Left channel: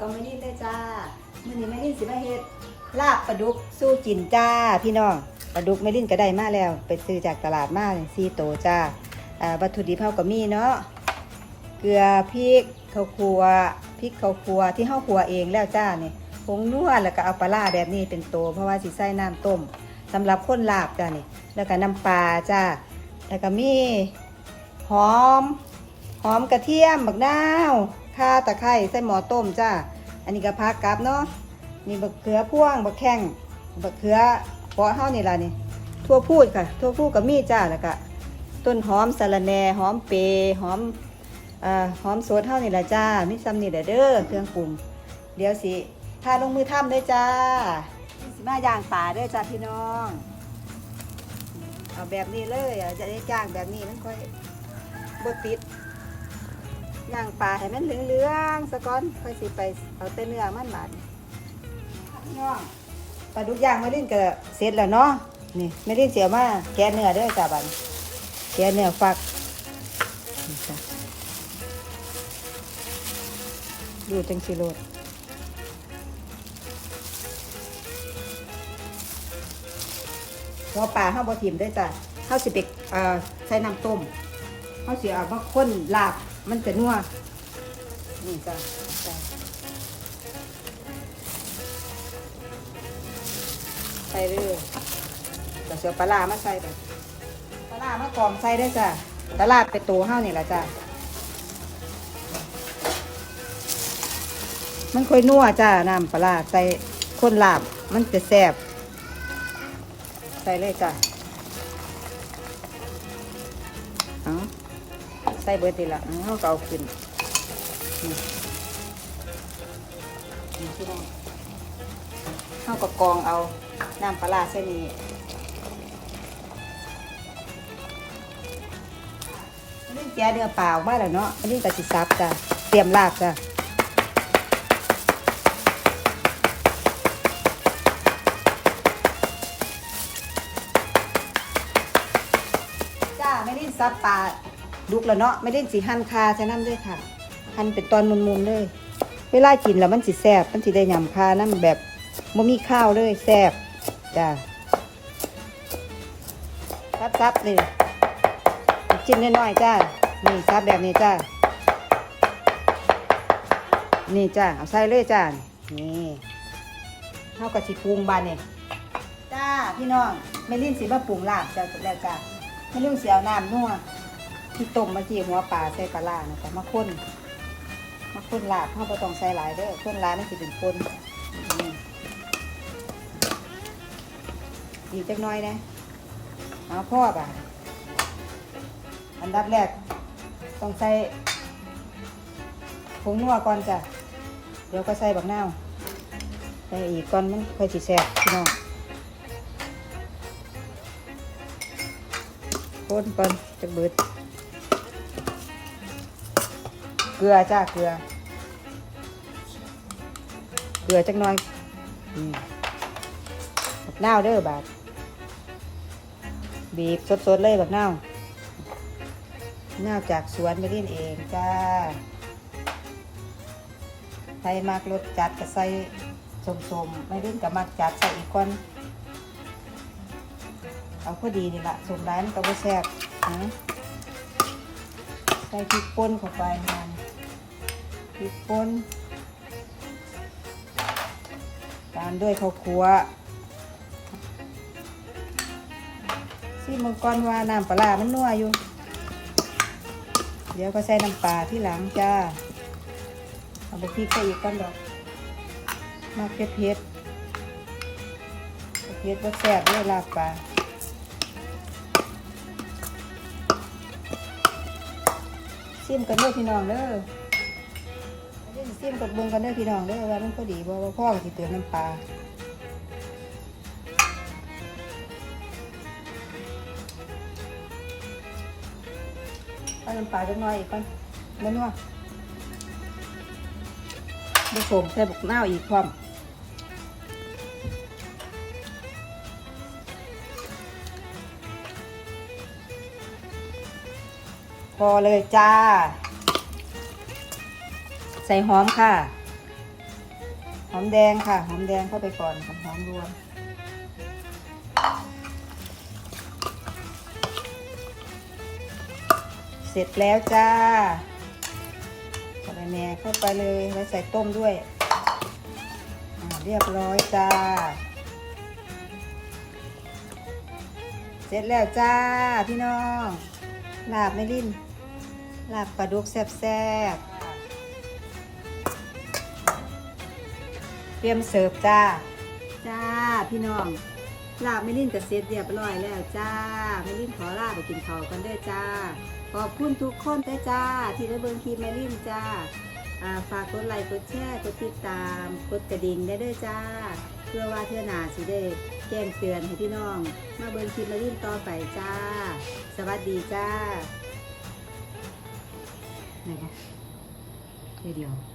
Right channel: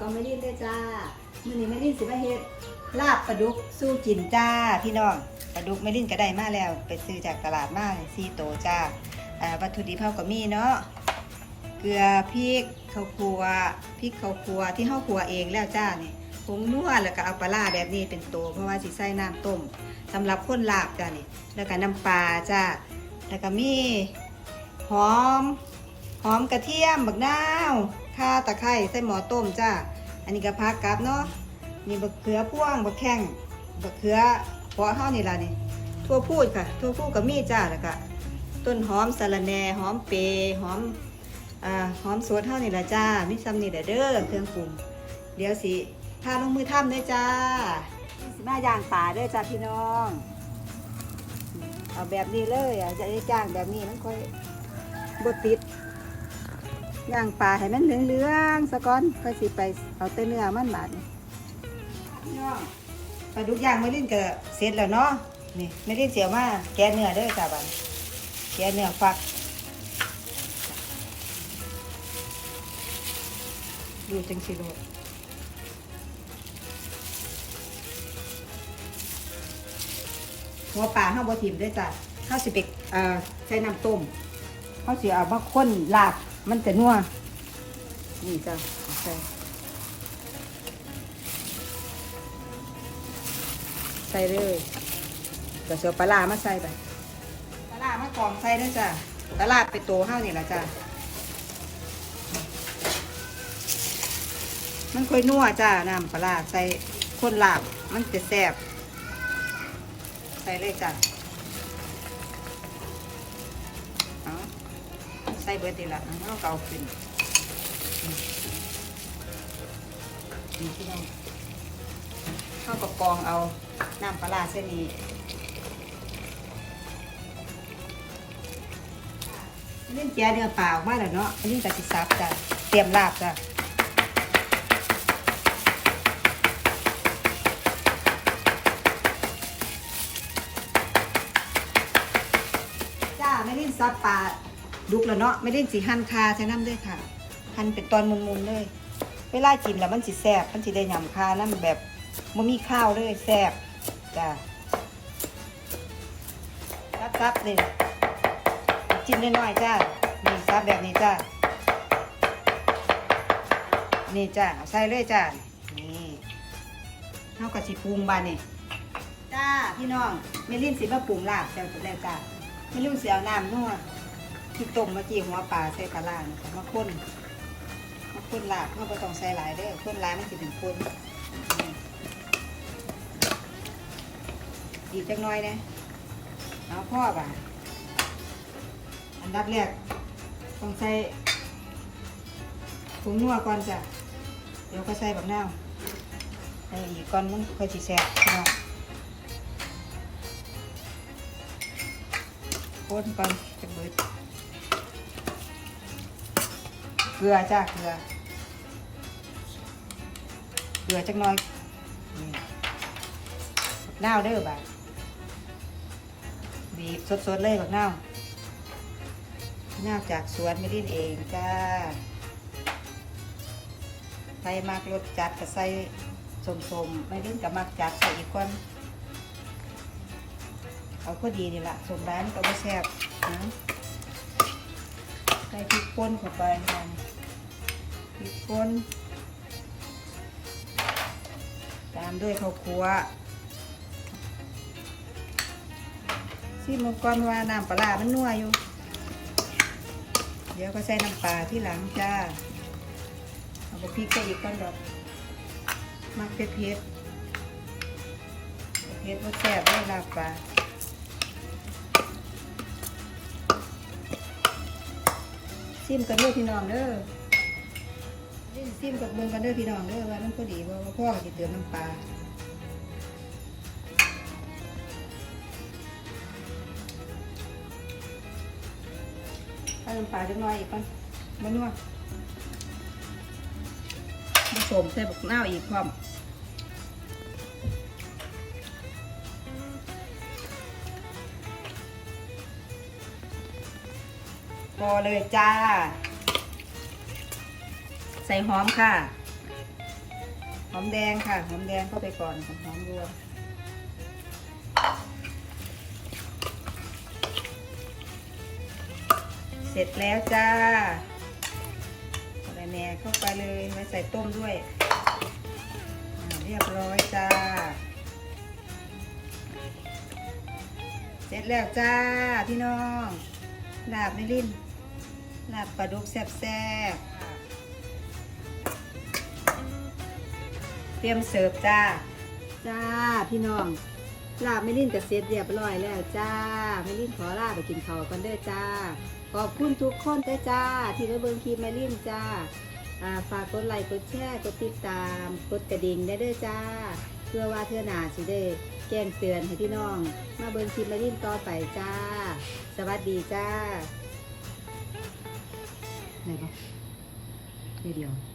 ก็ไม่ดิ้นเลยจ้ามื้อนี้ไม่ดิ้นสิมาเฮ็ดลาบปลาดุกสู้กินจ้าพี่น้องปลาดุกไม่ดิ้นก็ได้มาแล้ว ไปซื้อจากตลาดมาสี่โตจ้าอ่าวัตถุดิบเฮาก็มีเนาะเกลือพริกข้าวคั่วพริกข้าวคั่วที่เฮาคั่วเองแล้วจ้าเนี่ยผงนัวแล้วก็เอาปลาร้าแบบนี้เป็นตัวเพราะว่าสิใส่น้ำต้มสำหรับคนลาบจ้าเนี่ยแล้วก็น้ำปลาจ้าแล้วก็มีหอมหอมกระเทียมบักนาว ข่าตะไคร้ใส่หมอต้มจ้า อันนี้ก็พักกับเนาะนี่บักเขือพ่วงบักแข้งบักเขือเพาะเฮานี่ล่ะนี่ทั่วพูดค่ะทั่วพูดกับมีจ้าแล้วก็ต้นหอมสะระแหน่หอมเปยหอมอ่าหอมสดเฮานี่ล่ะจ้ามีซ้ำนี่แหละเด้อเครื่องปรุงเดี๋ยวสิพาลงมือทำด้วยจ้าสิมาย่างป่าเด้อจ้าพี่น้อง เอาแบบนี้เลยอะจะได้จ้างแบบนี้มันค่อยบดติด ย่างปลาให้มันเหลืองๆสะก้อนค่อยสิไปเอาแต่เนื้อมันบาดนี่พี่น้องปลาดุกย่างไม่เล่นก็เสร็จแล้วเนาะนี่ไม่เล่นเสียมาแกเนื้อด้อจ้าบัดแกเนื้อฟักดูจังสิเลยหัวปลาห้าบ่ถิ่มได้จ้ะเขาสิไปเอ่อใช้น้ำต้มเขาสิเอามาข้นลาบ มันจะนัวนี่จ้ะใส่เลยเดี๋ยวเสียวปลาร้ามาใส่ไปปลาร้ามากรองใส่ได้จ้ะปลาร้าไปตัวเฮานี่แหละจ้ะมันค่อยนัวจ้าน้ำปลาร้าใส่ข้นลาบมันจะแซ่บใส่เลยจ้ะเอา ใส่เบิดดีละอ๋อก็เอาขึ้นอืมข้าวกกองเอาน้ำปลาใส่นี่อันนี้เจียเนื้อเปล่ามาแล้วเนาะอันนี้ก็สิซับจ้ะเตรียมลาบจ้ะจ้าไม่ได้ซับปลา ดุกแล้วเนาะไม่ได้สีหั่นคาฉะนั้นด้วยค่ะหั่นเป็นตอนมุนๆเลย เวลากินแล้วมันสิแซ่บมันสิได้ยำคานั่นแบบบ่มีข้าวเลยแซ่บจ้าซับซับๆเลยจิ้มน้อยๆจ้านี่ซับแบบนี้จ้านี่จ้าเอาใส่เลยจ้านี่เท่ากับสิปรุงบานนี่จ้าพี่น้องไม่ลิ้นสิมาปรุงลาบใส่ไปแล้วจ้าไม่รู้เสียวน้ำนัว ที่ต้มมาจีหัวปลาใส่ปลาล่านะมาข้นมาข้นลาบเขาก็ต้องใส่หลายเด้อข้นหลายนั่นสิเป็นข้นอืมอีกจักน้อยนะเอาพ่อป่ะอันดับแรกต้องใส่ผงนัวก่อนจ้ะเดี๋ยวก็ใส่บักนาวใส่อีกก่อนมันค่อยสิแซ่บพี่น้องข้นก่อนจะเบิด ลือจ้าเกลือ เกลือจักหน่อยนี่บักนาวเด้อบาดบีบสดๆเลยบักนาวนาาจากสวนไม่เล่นเองจ้าใครมากรสจัดก็ใส่สมๆไม่เล่นกับมักจัดใส่อีกก่อนเอาพอดีนี่ละสูตรร้านก็ไม่แซ่บนะใส่พริกป่นเข้าไปมัน พริกป่นตามด้วยข้าวคั่วซีมังกรว่าน้ำปลามันนัวอยู่ เดี๋ยวก็ใส่น้ำปลาที่หลังจ้าเอาไปพริกใส่อีกก้อนดอกน้ำเผ็ดเผ็ดเผ็ดว่าแซ่บด้วยลาบปลาซิมกันเด้อพี่น้องเด้อ ซิมกับเบิ่งกันเด้อพี่น้องเด้อว่ามันพอดีบ่ว่าพ่อสิเติมน้ำปลาเอาน้ำปลาจักหน่อยอีกก่อนแม่นว่าผสมใส่บักนาวอีกพร้อมพอเลยจ้า ใส่หอมค่ะ หอมแดงค่ะ หอมแดงเข้าไปก่อนหอมรวมเสร็จแล้วจ้าใส่แหน่เข้าไปเลยแล้วใส่ต้มด้วย เรียบร้อยจ้า เสร็จแล้วจ้าพี่น้องลาบไม่ลิ้นลาบปลาดุกแซ่บๆ ตรียมเสิร์ฟจ้า จ้าพี่น้องลาบไม่ลิ้นกับเสร็จเรียบร้อยแล้วจ้าไม่ลิ้นขอลาไปกินข้าวกันเด้อจ้า ขอบคุณทุกคนเด้อจ้า ที่ได้เบิ่งคลิปไม่ลิ้นจ้าฝากกดไลค์กดแชร์กดติดตามกดกระดิ่งได้เด้อจ้า เพื่อว่าเทื่อหนาสิได้แจ้งเตือนให้พี่น้อง มาเบิ่งคลิปมาลิ้นต่อไปจ้า สวัสดีจ้าไหนปะเดี๋ยว